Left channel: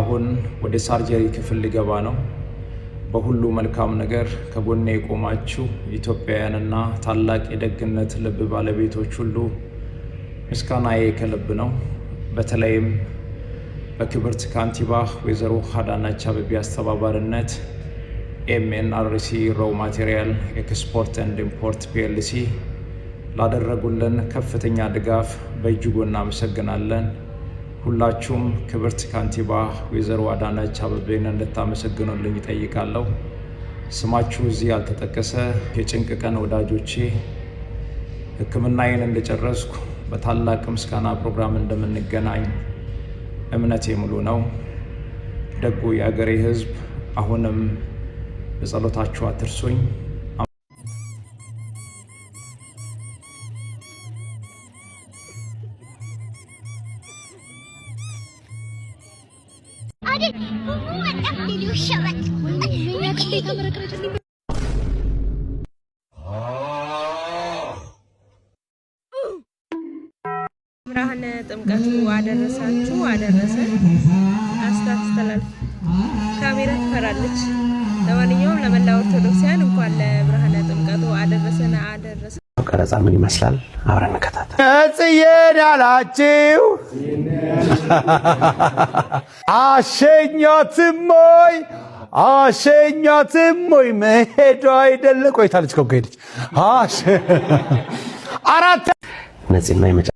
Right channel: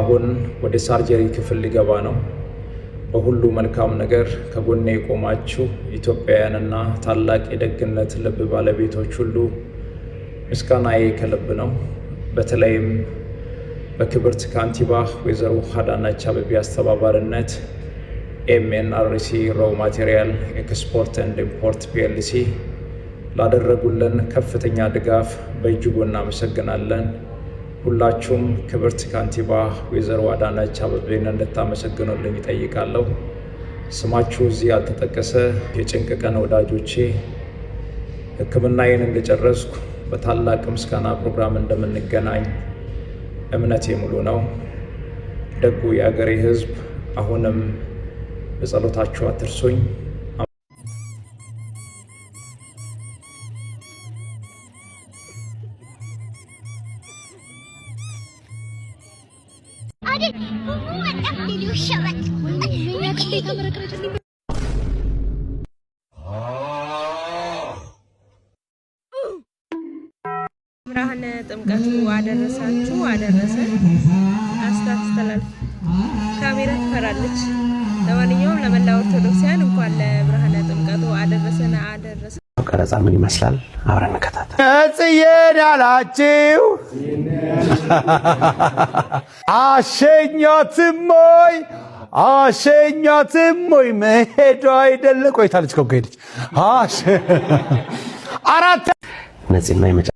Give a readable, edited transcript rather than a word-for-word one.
አሁን ወደ ሳርጀሪ ክፍል ሊገባ ነው። በሁሉ መልካም ነገር ከጎኔ የቆማችሁ ኢትዮጵያውያንና ታላቅ የደግነት ልብ ባለቤቶች ሁሉ ምስጋናዬ ከልብ ነው። በተለይም በክብርት ካንቲባ ወይዘሮ አዳነች አቤቤ አስተባባሪነት ኤምኤንአርሲ ሮው ማቴሪያል ኤክስፖርት ኤንድ ኢምፖርት ፒኤልሲ ላደረጉልን ከፍተኛ ድጋፍ በእጅጉ እናመሰግናለን። ሁላችሁም ክብርት ካንቲባ ወይዘሮ አዳነች አቤቤን እንድታመሰግኑልኝ እጠይቃለሁ። ስማችሁ እዚህ ያልተጠቀሰ የጭንቅ ቀን ወዳጆቼ ሕክምናዬን እንደጨረስኩ በታላቅ ምስጋና ፕሮግራም እንደምንገናኝ እምነቴ ሙሉ ነው። ደጉ የአገሬ ሕዝብ አሁንም በጸሎታችሁ አትርሱኝ። ብርሃነ ጥምቀቱ አደረሳችሁ አደረሰ። አስተላልፍ ካሜራ ትፈራለች። ለማንኛውም ለመላው ኦርቶዶክሳውያን እንኳን ለብርሃነ ጥምቀቱ አደረሰና አደረሰ። ቀረጻ ምን ይመስላል? አብረን እንከታተል። እጽዬን ያላችሁ አሸኛትም ወይ መሄዷ አይደለ? ቆይታለች እኮ ከሄደች አራት ነፂና